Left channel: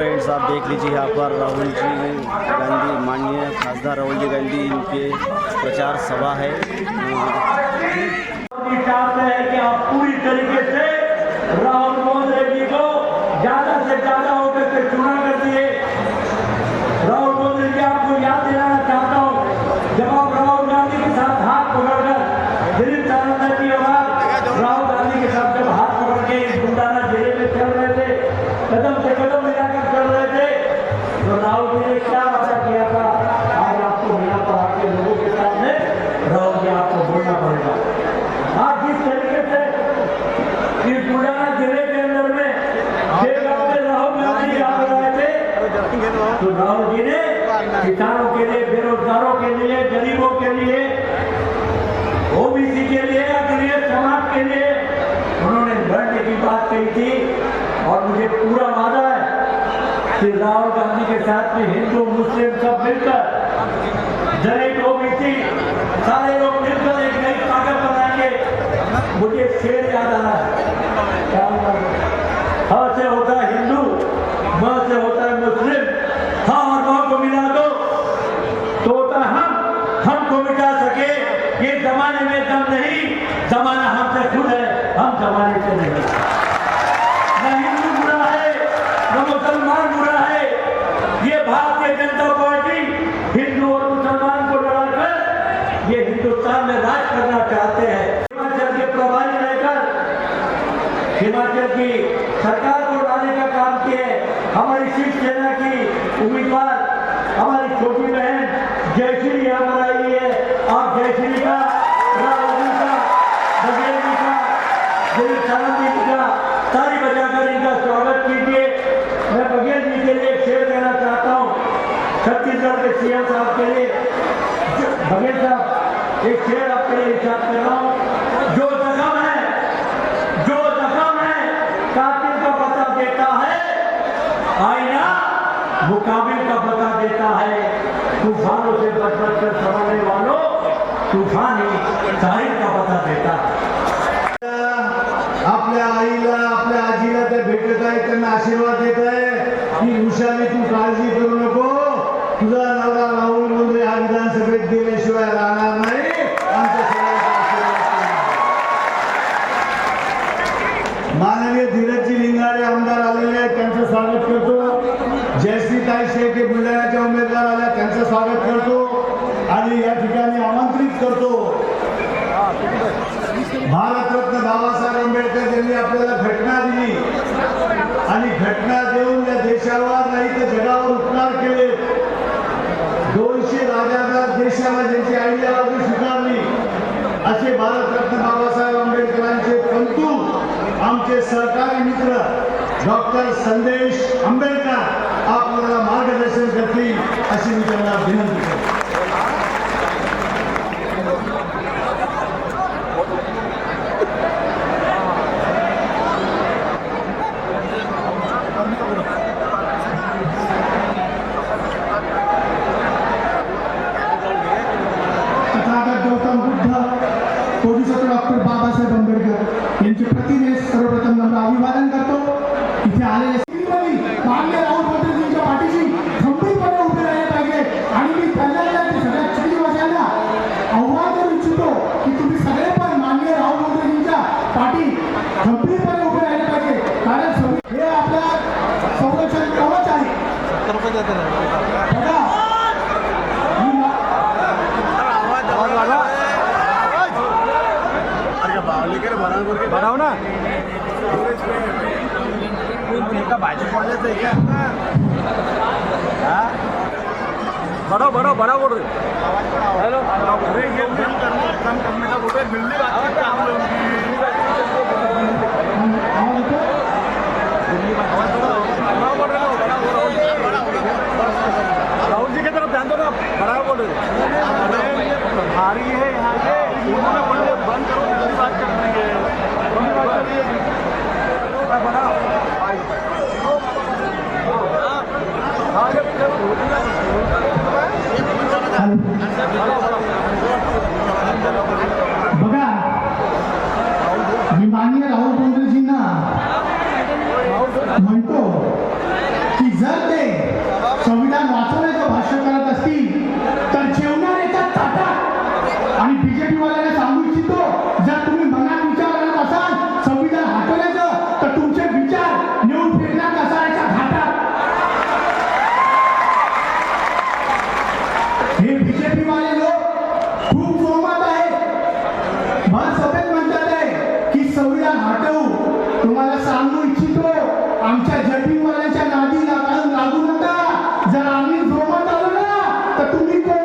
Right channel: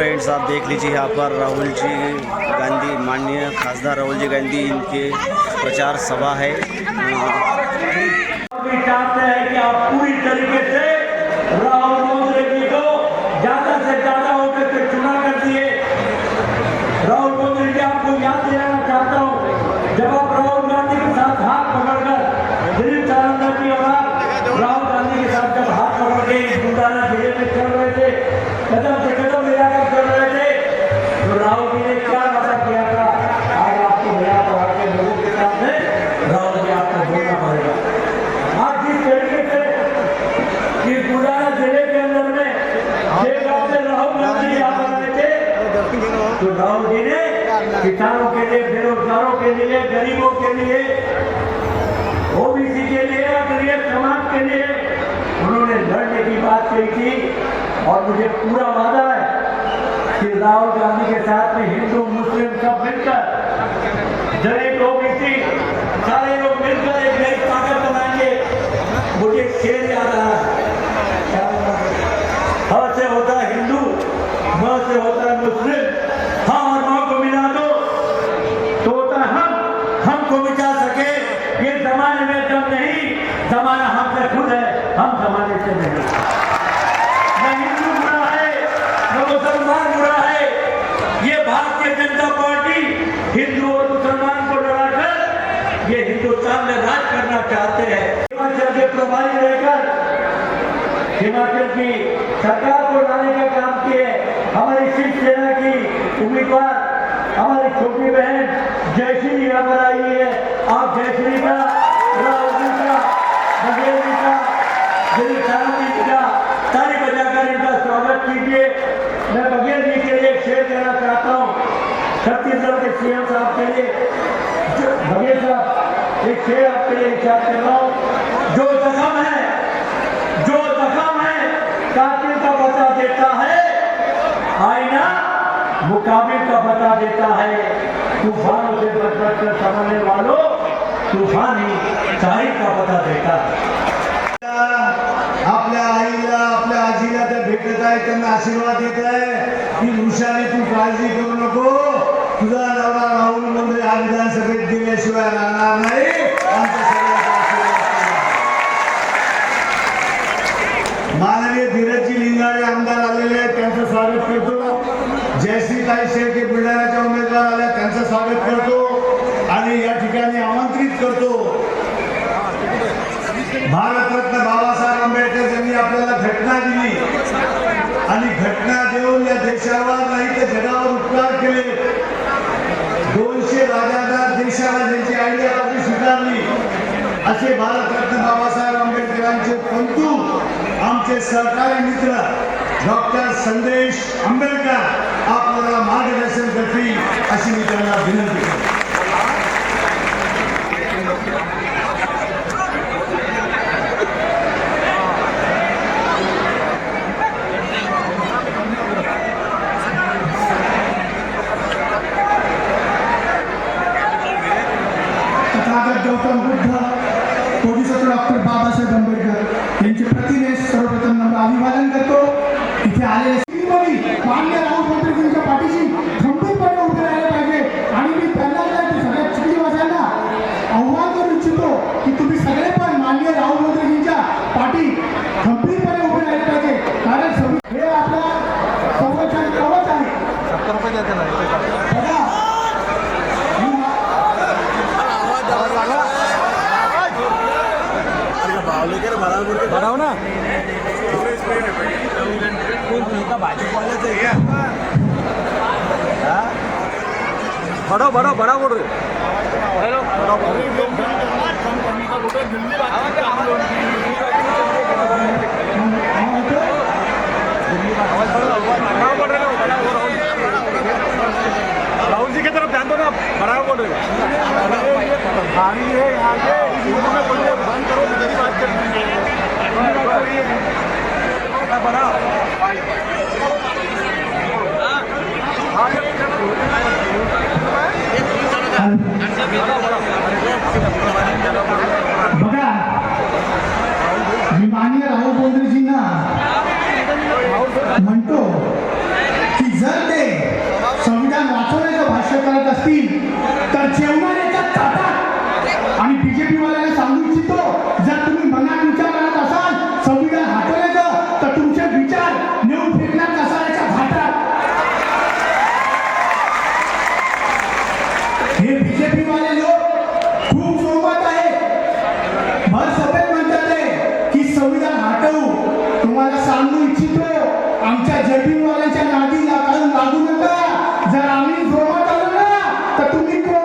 Friends आप देख लीजिए यहाँ पर राहुल जी गांधी माननीय खासदार राहुल जी गांधी इनके प्रचार सभा है। PDB Kai. होगा बड़ा वोट होगा हेलो कम करने का वोट है दिल्ली राहुल जी की तरफ ध्यान दो ना बड़ा वोट होगा भारी है यहाँ पे துதிக்க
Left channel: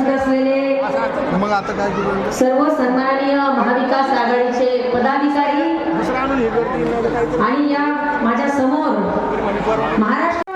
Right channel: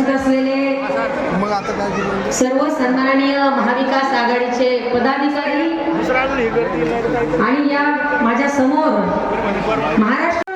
उपस्थित असलेले सर्व सन्माननीय महाविकास आघाडीचे पदाधिकारी आणि या माझ्यासमोर महाराष्ट्र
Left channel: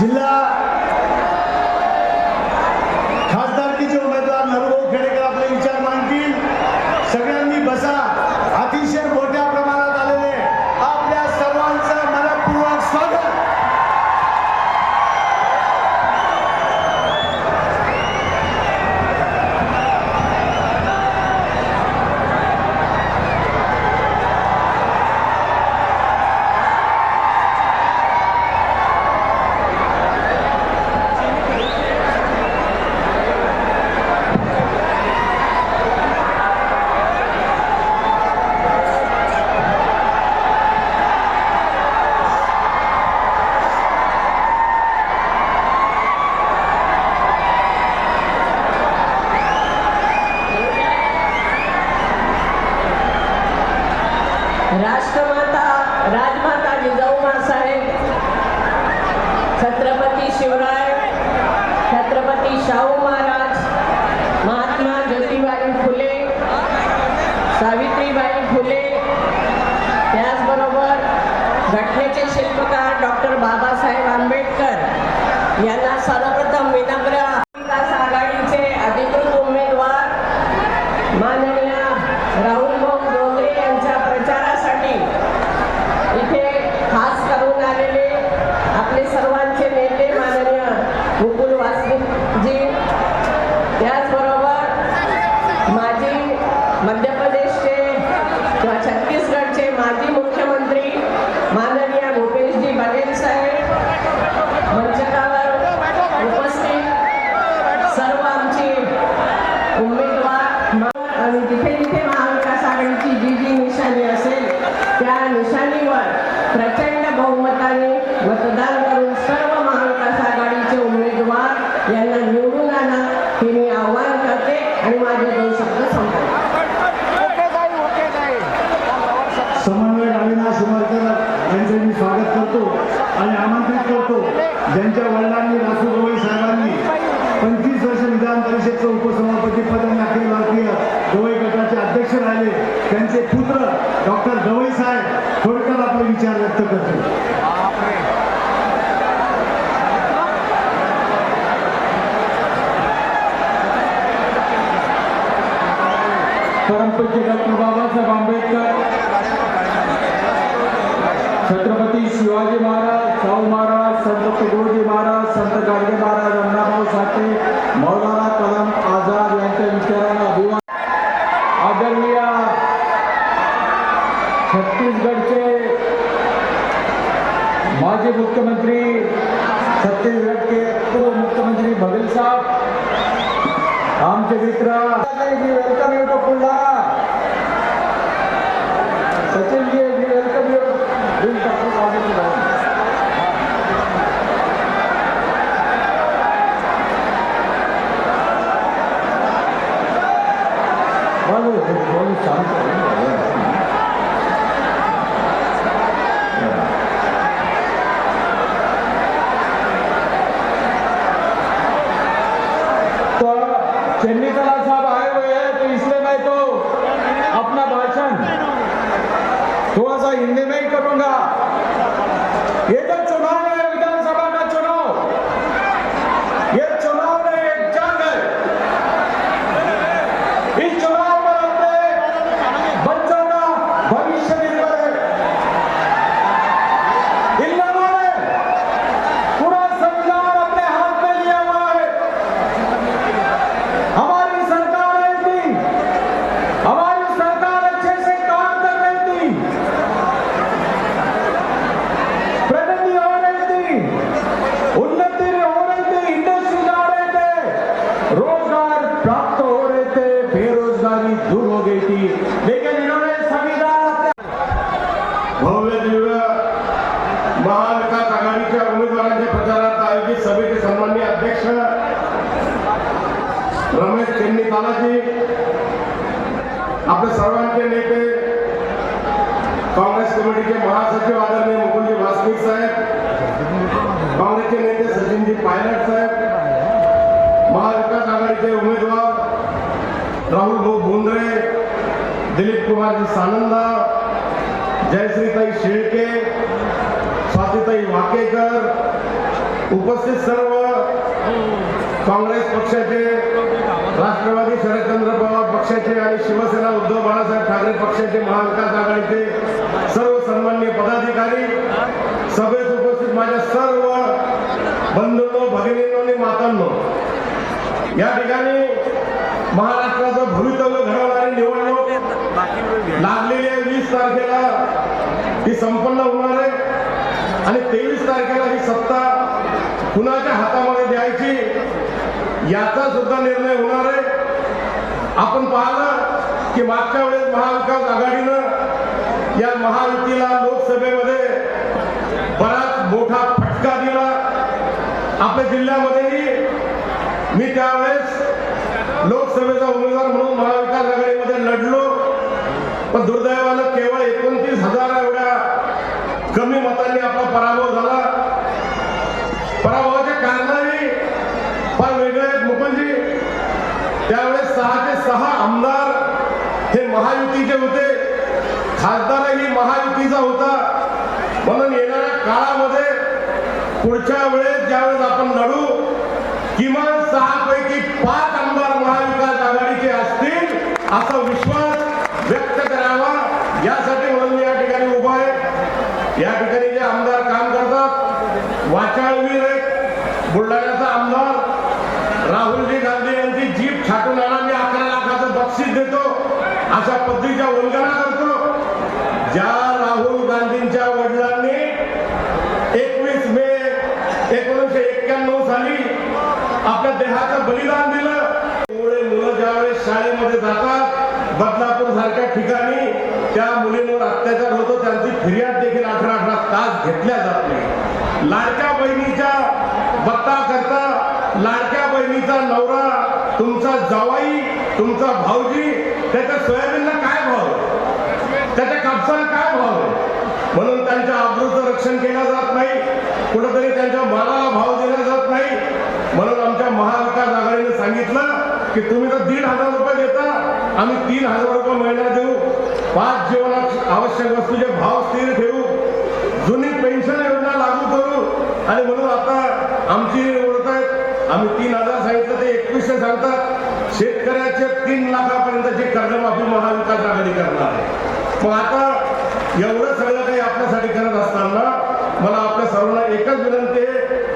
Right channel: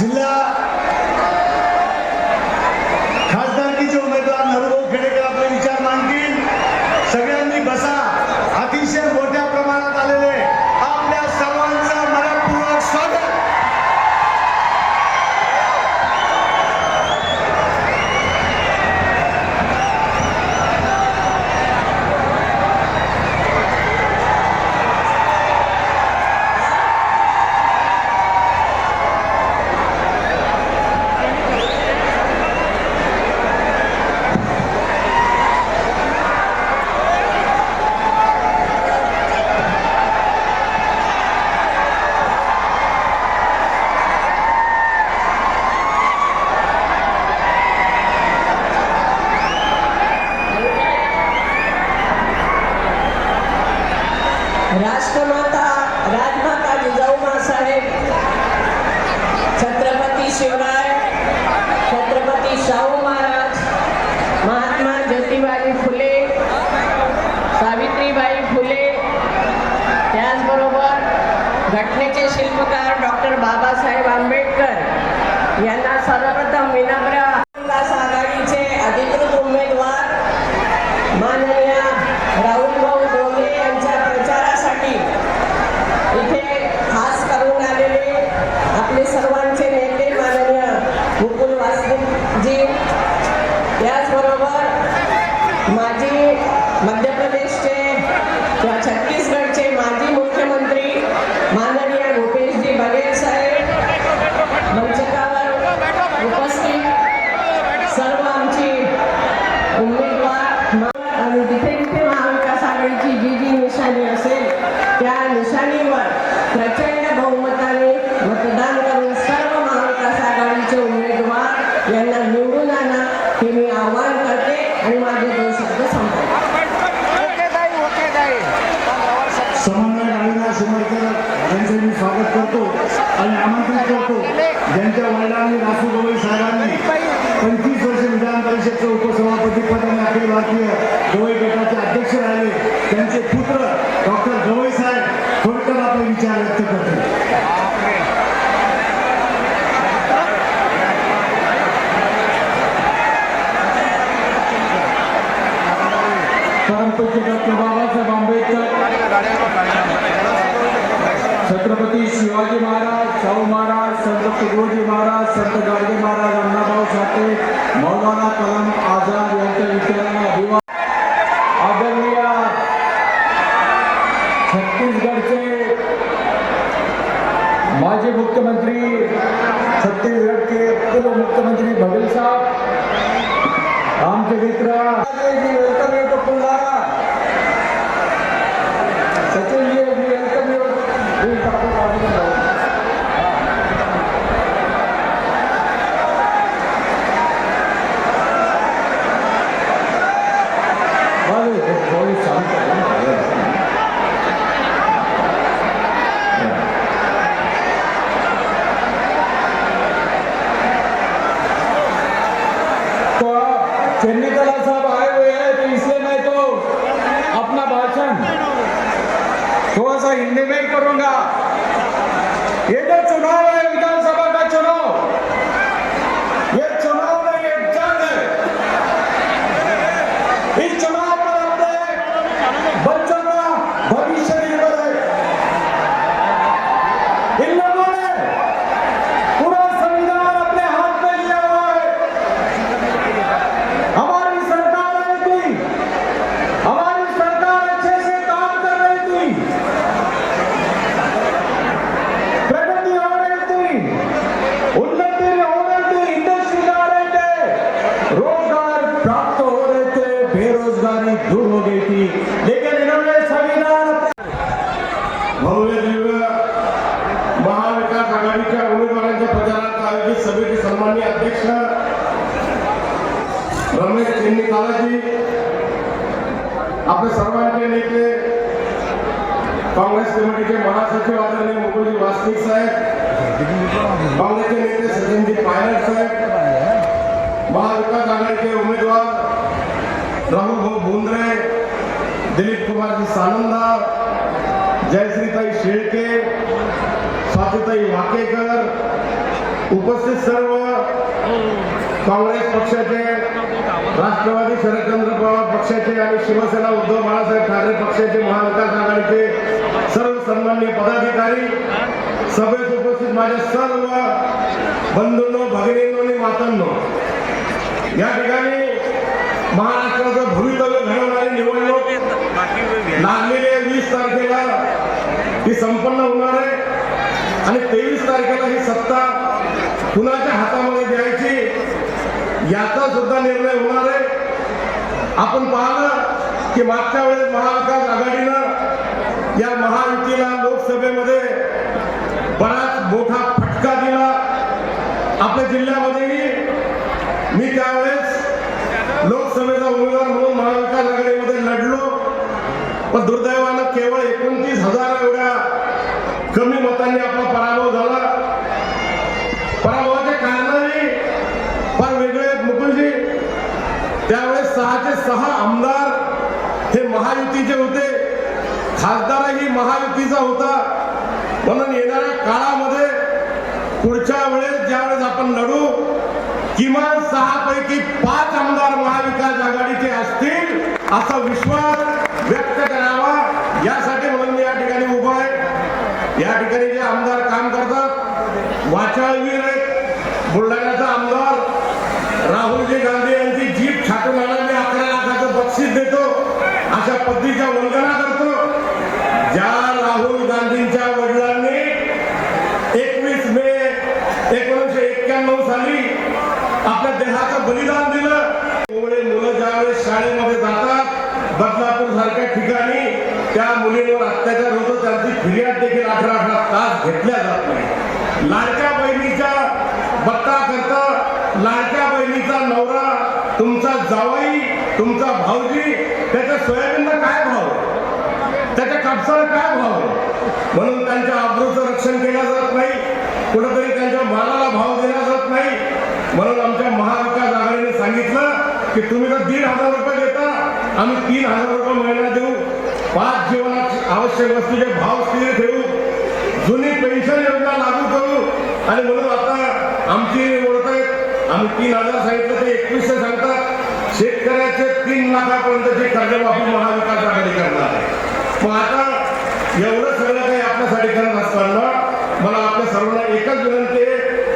జిల్లా ¿Qué उपस्थित सर्व काँग्रेस पक्षाचे राष्ट्रवादी शरदचंद्र पवार पक्षाचे आणि शिवसेना उद्धव बाळासाहेब ठाकरे पक्षाचे महाविकास आघाडीचे सर्व सन्मान्य पदाधिकारी सभेत उपस्थित माझ्या सर्व बंधूंनो भगिनी आणि मातांनो या ठिकाणी que más cabrón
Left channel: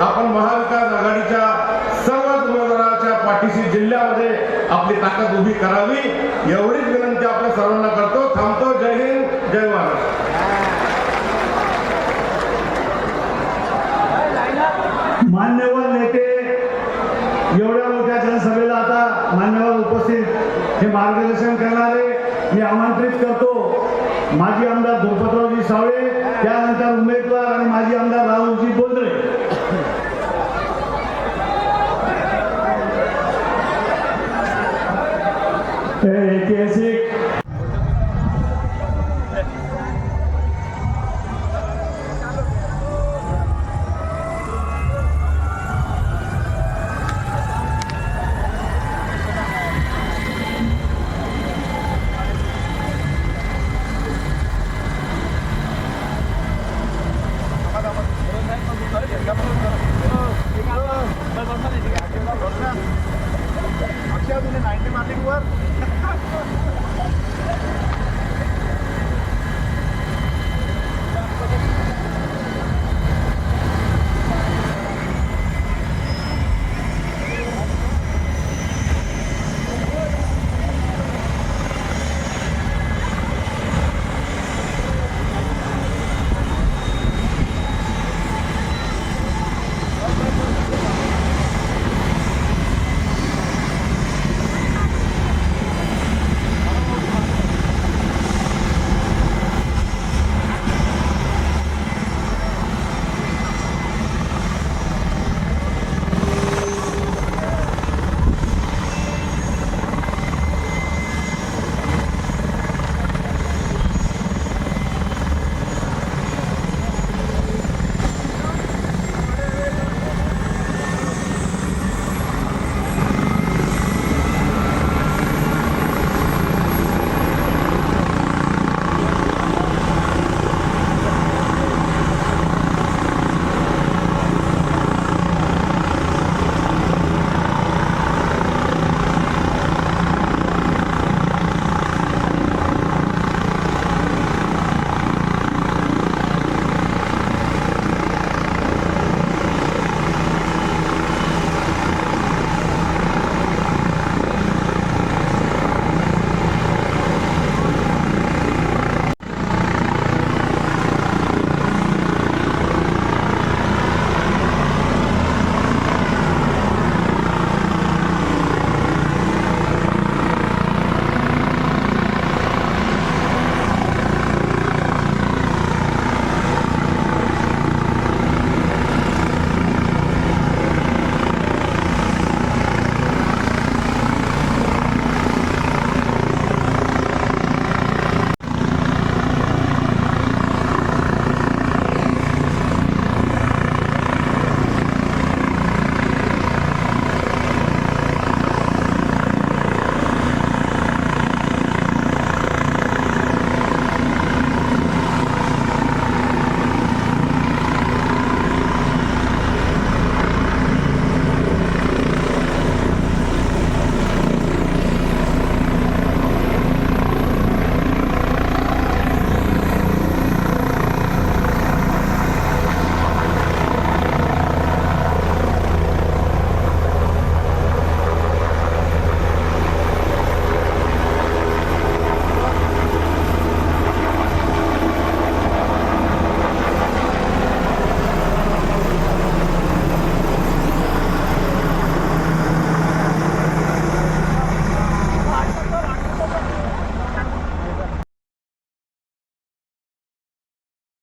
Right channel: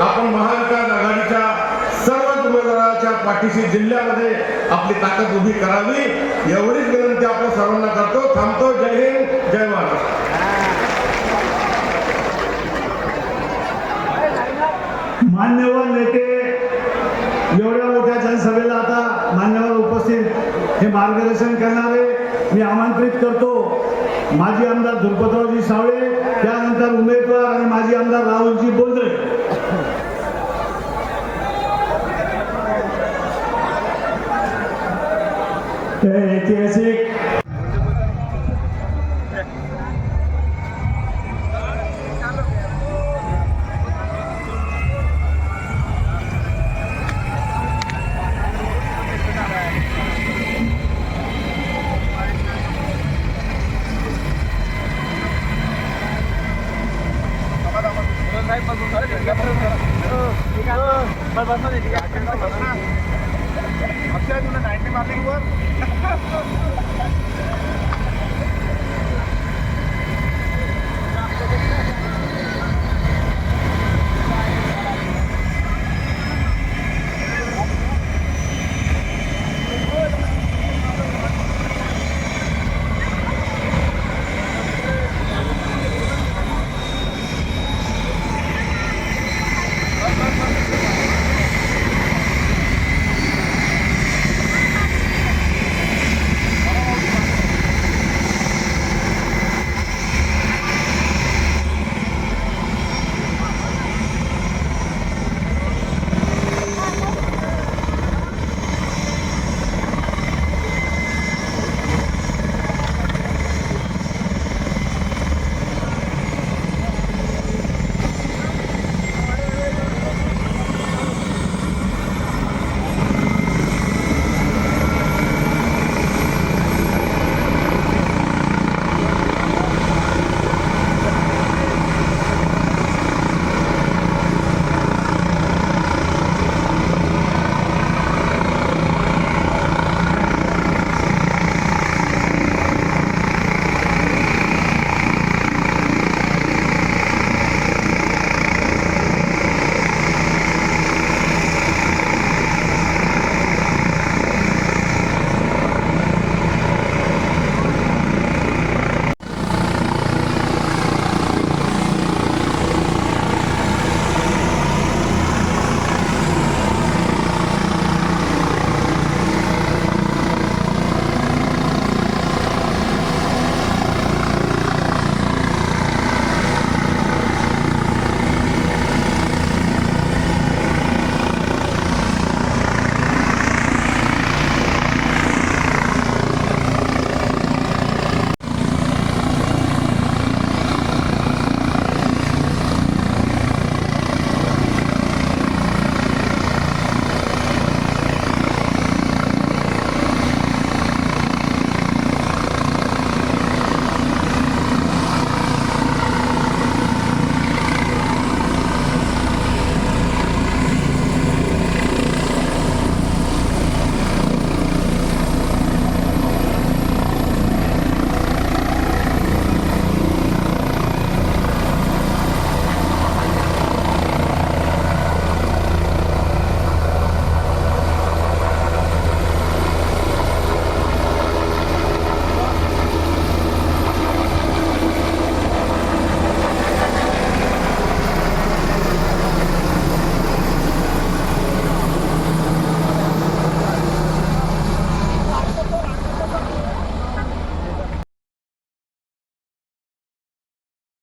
आपण महाविकास आघाडीच्या सर्व पाठीशी जिल्ह्यामध्ये आपली ताकद उभी करावी. एवढी